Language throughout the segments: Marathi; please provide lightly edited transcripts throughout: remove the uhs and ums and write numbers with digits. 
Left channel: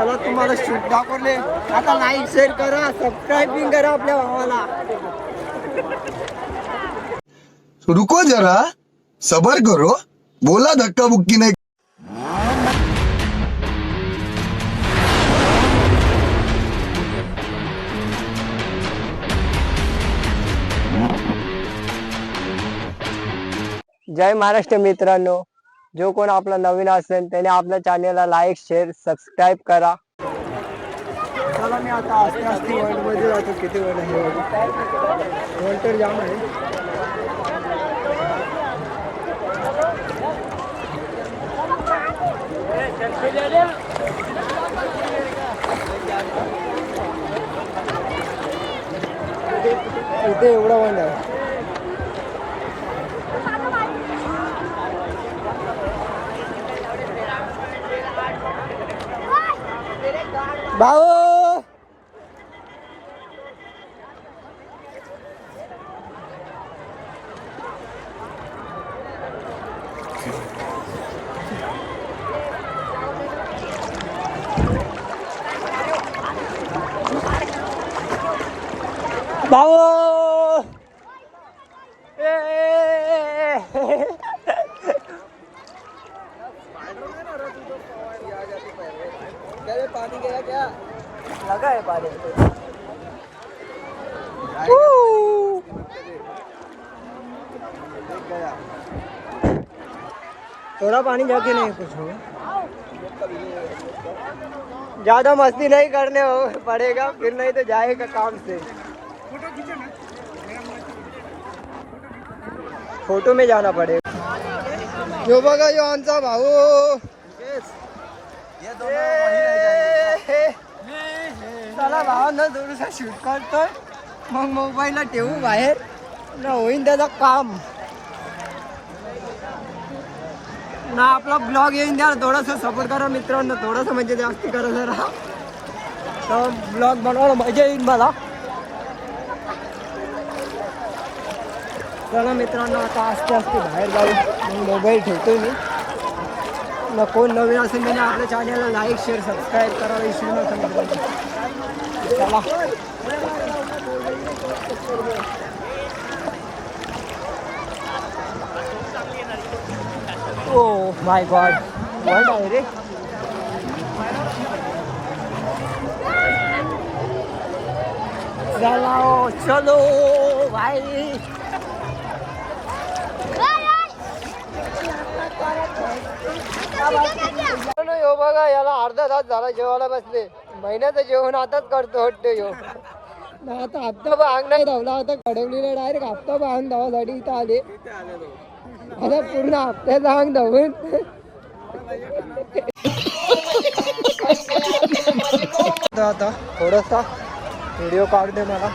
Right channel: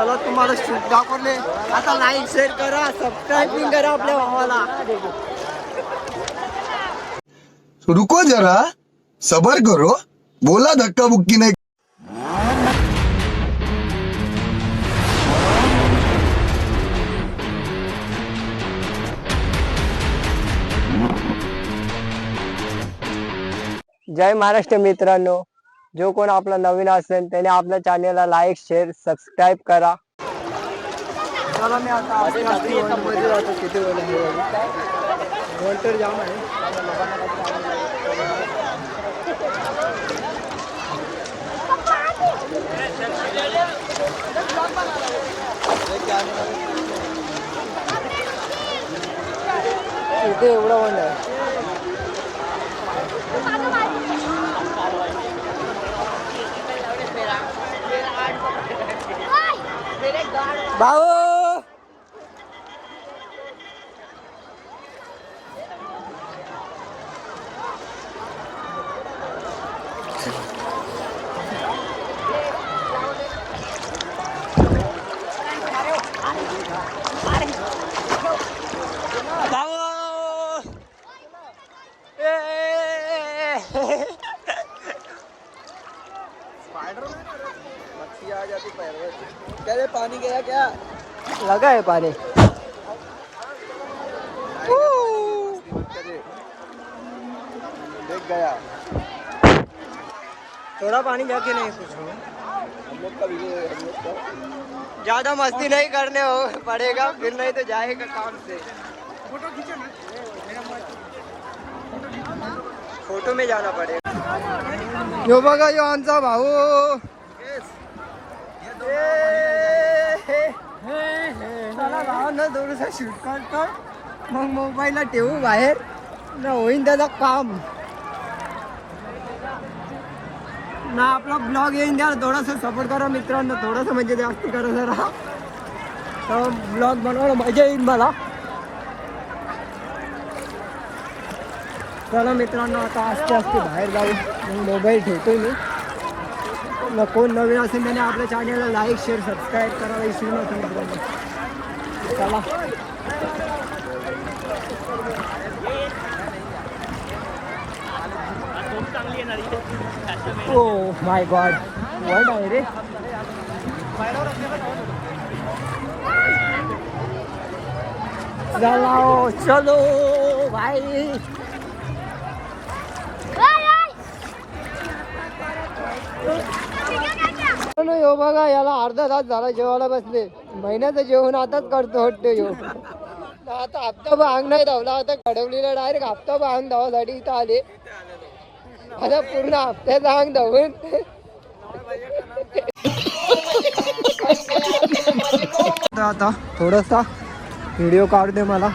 चला तुम्हाला शूट दाखवले. आता लाईक शेअर करा, सबस्क्राईबिंग करा आपल्या भावाला. रुको जरा सबर करो, बोला धक्का बुक्की नाही. जय महाराष्ट्र मित्रांनो, जो कोण आपला नवीन असेल त्याने आपल्या चॅनलला लाईक शेअर सबस्क्राईब करा. चला मी आता आस्ते आस्ते वर्ल्ड मध्ये जातो. किती वर्ल्ड आहे वर्ल्ड तर जाम आहे. इथे एवढा वर्ल्ड आहे. भाऊ भाऊ पानी गया क्या? लगा है पानी. थोड़ा पानी जाके नहीं कुछ हो. ज्यादा मस्ती नहीं करने हो पड़ेगा, फिर नहीं तो जाएगा काम से. फोटो में जाना पड़ेगा. यो बघा यो आमचा भाऊ. चला भावांना थोडंसं शूट करतोय, मग मोबाईलला ठेवू बाहेर ना, होईन त्याचं काम ना. आपला ब्लॉग येईन द्या, थोडासा सपोर्ट करा मित्रांनो, थोडंसं म्हणजे जास्त करा जरा, तर ब्लॉग बनवायला मजा येईल मला. चला मित्रांनो आता आस्ते आस्ते बाहेर जाऊ. मग मोबाईल ठेवतोय मी. ना कोण नवीन असेल त्याने आपल्या चॅनलला लाईक शेअर सबस्क्राईब करायला विसरू नका मित्रांनो. चला ओ माय गॉड, वर्ल्ड आहे रे. चलो चलो भाई. यो बघा याला अर्धा तास झाला जेवायला बसले. महिन्याचं जेवण आताच करतो वाटतं यो. आता हप्ता भांग नाही धावला, आता कडवलीला डायरेक्ट हप्ता भांग धावासाठी इथं आले. आता पूर्ण हप्त्याचा भांग धावून आता थोडासा व्हिडिओ काढते मला.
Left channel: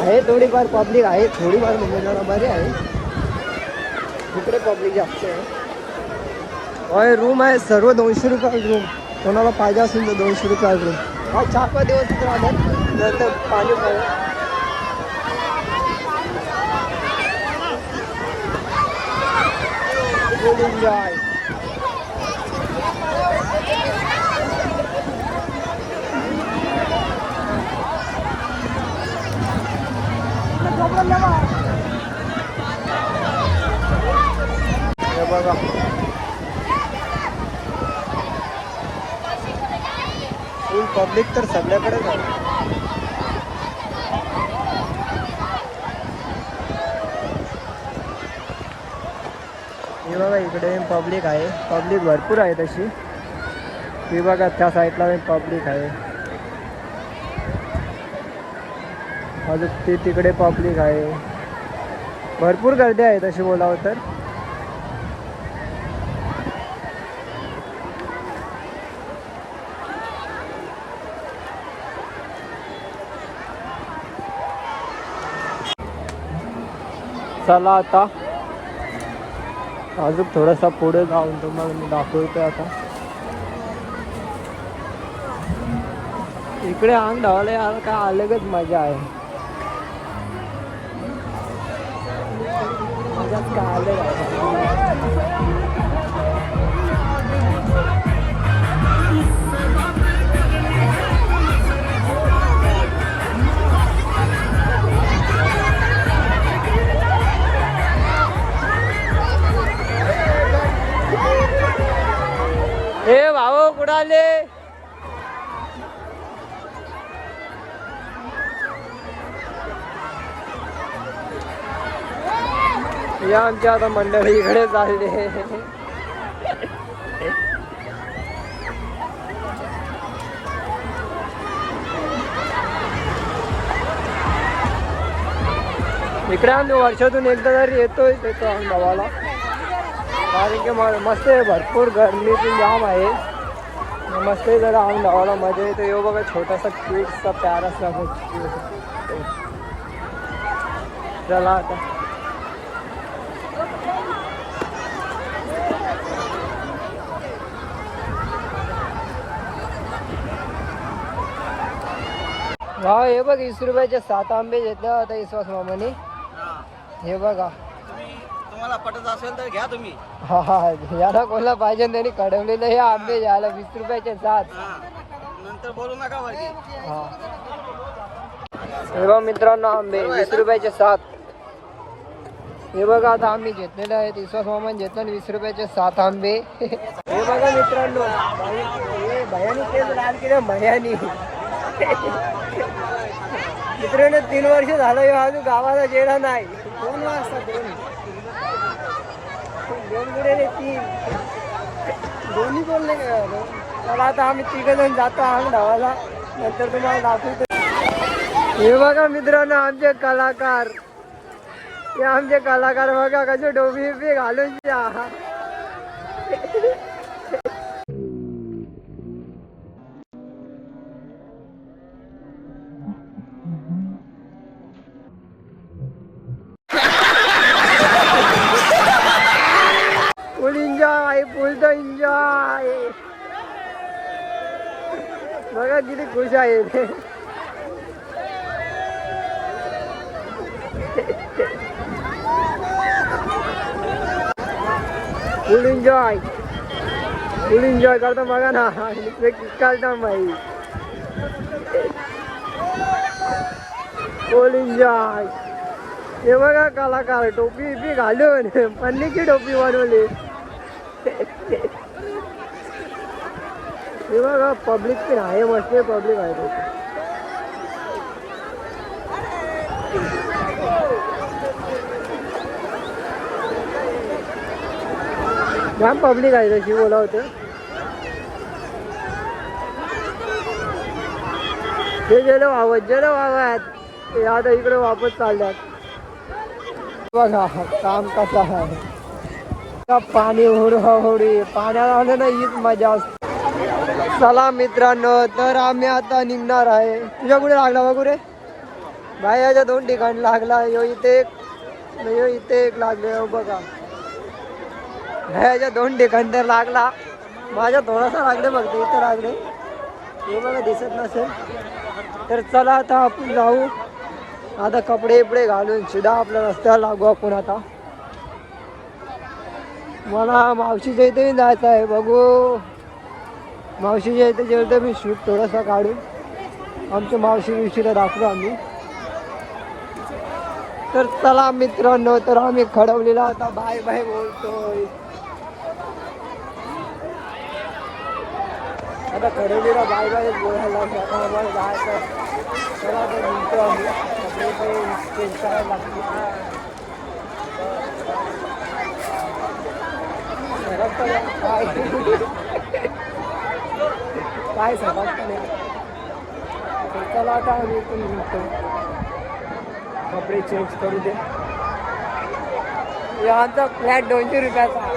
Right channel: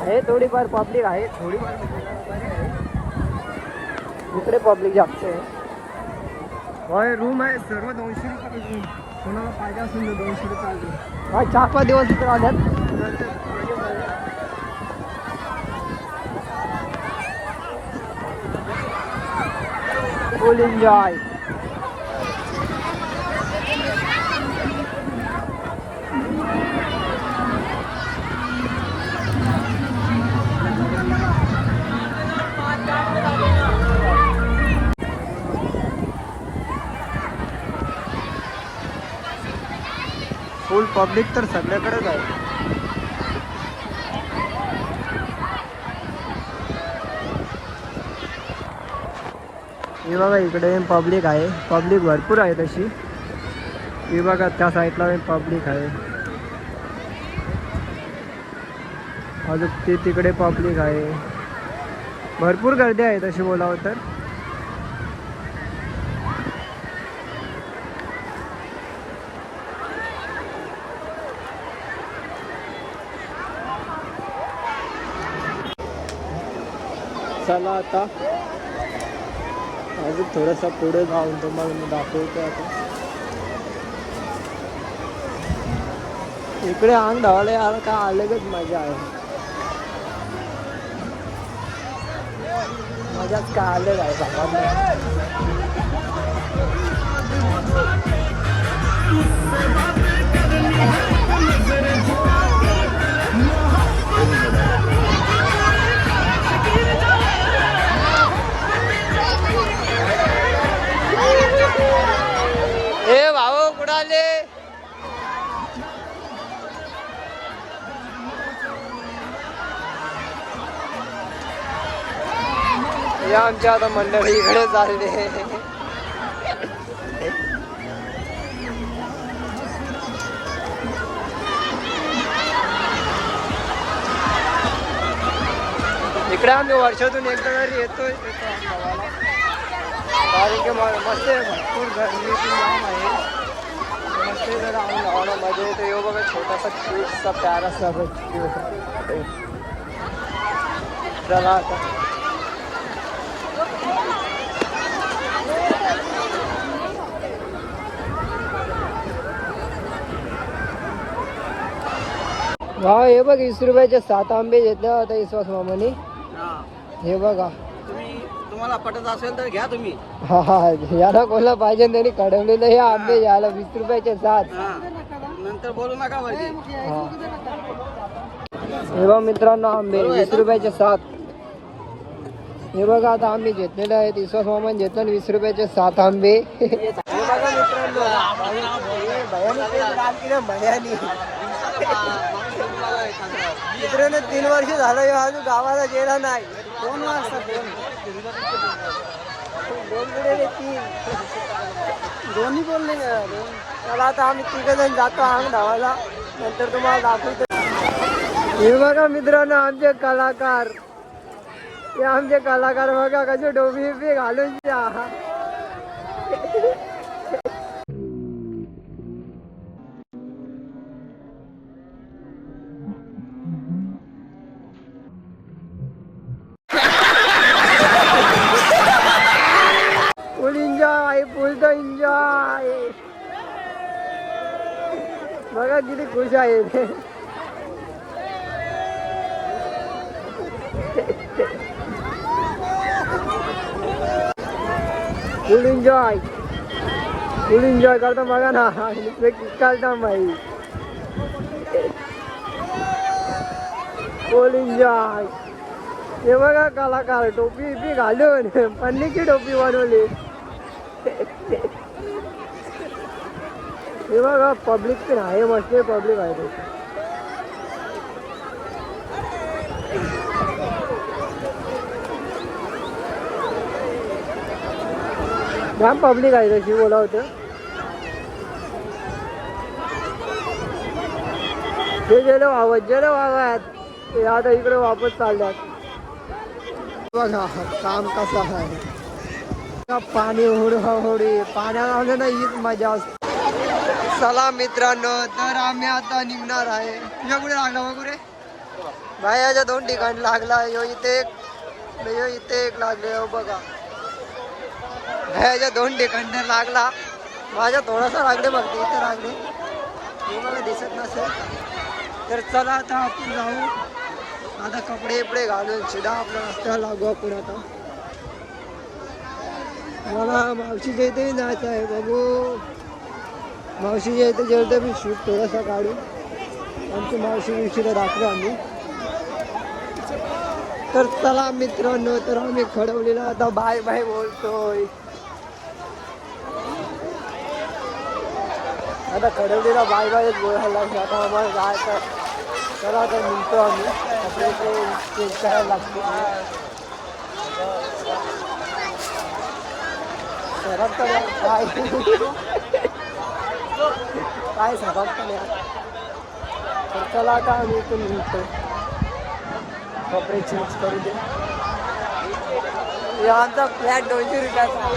आहे थोडीफार पब्लिक आहे, थोडीफार म्हणजे बरी आहे. इकडे पब्लिक जास्त आहे. रूम आहे सर्व 200 रुपये रूम. कोणाला पाहिजे असेल तर 200 रुपये रूम. हा 4-5 दिवस तिथे आल्यात, नंतर पाणी फुल एन्जॉय. बघा फुल पब्लिक तर सगळ्याकडेच आहे. हे बघा इकडे पब्लिक आहे, पब्लिक भरपूर आहे तशी. हे बघा त्या साईडला पब्लिक आहे, अजून ते तिकडे पब्लिक आहे. भरपूर गर्दी आहे तशी बोलावं तर. चला आता अजून थोडासा पुढे जाऊन तुम्हाला मी दाखवतो. आता इकडे अंग धावायला यार काय अलगच मजा आहे. मजाच काय अलग आहे सांगा. ए भाऊ कुठं आले? या आमच्या आता मंडळी इकडे चालले. इकडे आम्ही वर्षातून एकदा तरी येतोय गावाला, कारण की मस्त आहे, भरपूर गर्मीतून जाम आहे. मस्त आहे जरा आम गावाला मजा येतो. येऊ बघा छोटासा क्यूटचा प्यारासा. चला आता हा हे बघ 20 रुपयाचे 7 आंबे घेतले होता विश्वास मामाने. हे बघा तुम्हाला पटत असेल तर घ्या तुम्ही. हा हा याला कोणाला पाहिजे त्यांनी कढवलेलं हे आंबे घ्यायला 20 रुपयाचे 7. नंतर बोलू नका वरती. हे बघा मित्रांनो आंबे 20 रुपयाचे 7. हे बघा आता आम्ही घेतलेले आहेत. विश्वास मामान घेतलं 20 रुपयाचे 7 आंबे. हे बघा मित्रांनो भयानी तेच लाल केलं भयानी. मित्रांनो 3 वर्ष झालं अजून गावाला गेला नाही. 2 वाजता 2 गुडे 3 दोन्ही बोलले का. चला आता आम्ही 3 जण जातो अंग धावायला, नंतर तुम्हाला दाखवतो. हे बघा मित्रांनो आमचे कलाकार. हे आमचे कलाकार बघा कसे डोबी बी घालून फुल एन्जॉय, फुल द एन्जॉय. बघा किती खुश आहे. फुल एन्जॉय करता बघा ना. काढता भाई फुल एन्जॉय. हे बघा कलाकार टोपी बी घालून पन्नीची टोपी बनवली. हे बघा पब्लिक पण आहे, मस्त पब्लिक आहे. जाम पब्लिक आहे तशी बोला होतं. ते गेलो वावत ते आता इकडे वापस चालल्यात. बघा काम कसं आहे. पाणी होडी पाण्याला आलं ना हीच मजा असते. चला मित्रांनो तर आम्ही आता निघणार आहे. तुझ्या कुठे लागला बघू रे बायाच्या 2 ठिकाणी लागला. यो इथे एक लागले. बघा ह्याच्या 2 ठिकाणी तर लागला. माझ्या थोडासा लागले बघते इथं लागले. हे बघा दिसत नसेल तर चला आता आपण जाऊ. आता कपडे घालून सीधा आपल्या रस्त्याला लागू आपण. आता मला मावशीच्या इथेही जायचं आहे. बघू मावशीच्या इथे जेवढं मी शूट थोडासा काढू. आमच्या मावशीला दाखवू आम्ही. तर चला मित्रांनो तर आम्ही खडवलेला आता बाय बाय बोलतोय. आता खडवलेला बाय बायच बोलायला लागले. आता आम्हाला जायचं. चला तर निघतो आम्ही. कपडे चेंज करायला लागते. काय सकाळ. तर चला आता आम्ही इथून निघतोय. कपडे चेंज करू दे. आमचा फ्लॅट 200 रुपयाचा.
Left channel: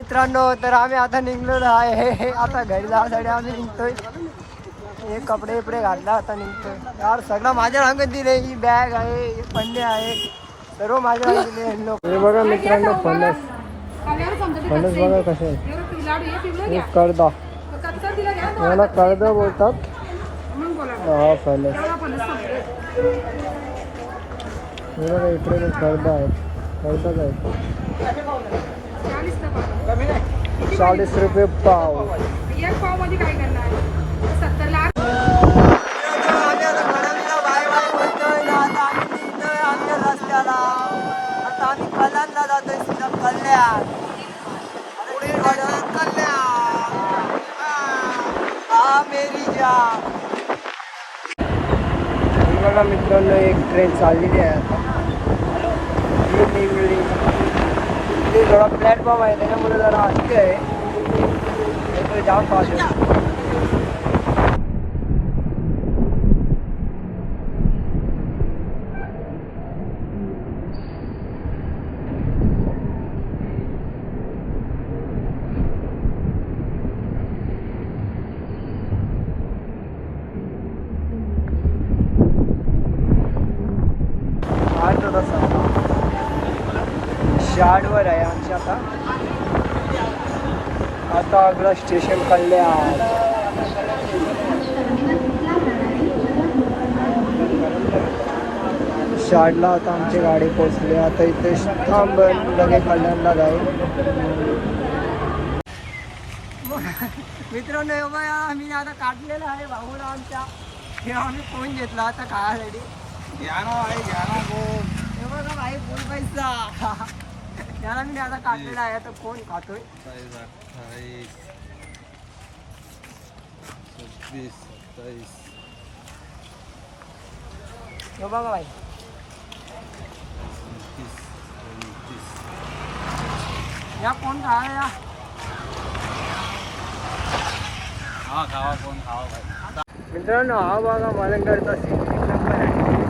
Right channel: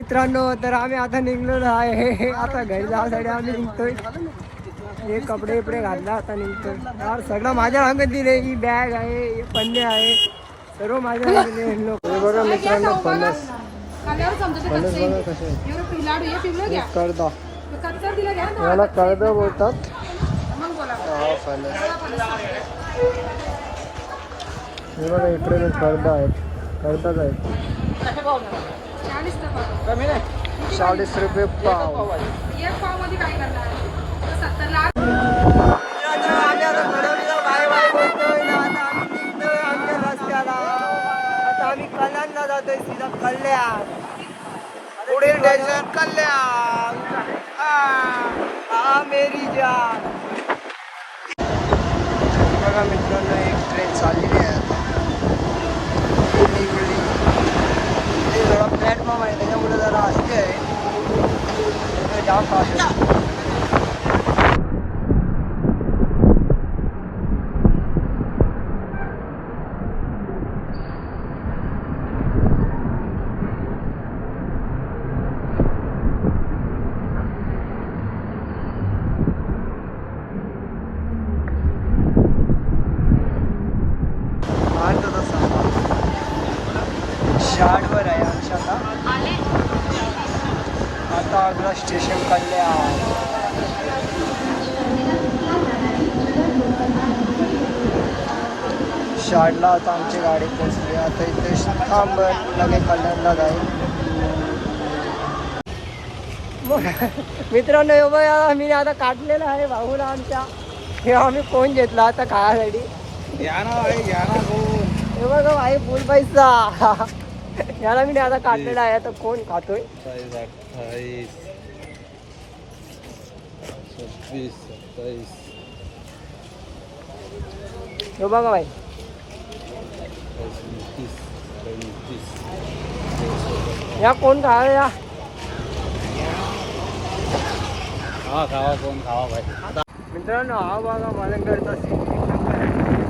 मित्रांनो तर आम्ही आता निघलो आहे. आता घरी जाण्यासाठी आम्ही निघतोय. हे कपडे घातला आता निघतोय. यार सगळं माझ्या अंगात दिले. ही बॅग आहे, हे पन्ने आहे, सर्व माझ्या अंगात दिले. हे बघा मित्रांनो फणस खाल्यावर समजा ते फणस कच्चे बघा आहे. कसे आहेत. हे लाडू हे पिवळे घ्या. एक कर्दा, कच्चा दिला घ्या तो याला आता कर्दा बोलतात. मग बोला हा फणस. हा फणस सांगते. हे बघा इकडे ते कर्दा आहेत, कर्दाच आहेत. 40 टका. 40 रुपये पाव. एक पाव मध्ये काय करणार 70 ला आम्ही आता घडवलीला बाय बाय बोलतोय. आता आम्ही निघतोय आमच्या रस्त्याला. आता आम्ही कल्याणला जातोय, सीधा कल्याण. पुढील स्टेशन कल्याण. हा मेरी जान. ही बघा मित्रांनो, एक ट्रेन चाललेली आहे आता. ही निघली. इथे जरा प्लॅटफॉर्म आहे, त्याच्यामुळे जरा असते आहे. इकडे जाम पाऊस आहे. शाडवर आहे आमच्या आता अगला स्टेशन कल्याण. शाडला आता आमची गाडी पोचली. आता इथे थांबन लगे कल्याणला जाईल. मित्रांनो हे बघा, मी आता काढलेलं आहे भाऊला आमच्या. हे आम्ही फोन घेतला आता खायसाठी. हे बघा भाई फुल पैसा. याला मी आता काढलेला आहे. आता कोण खातोय? 28, 26, 27. हे बघा भाई, 29, 29. या कोण खाय या? खावा खावा कोण खावा भाई. मित्रांनो हा बघा मलंगडचा सीन.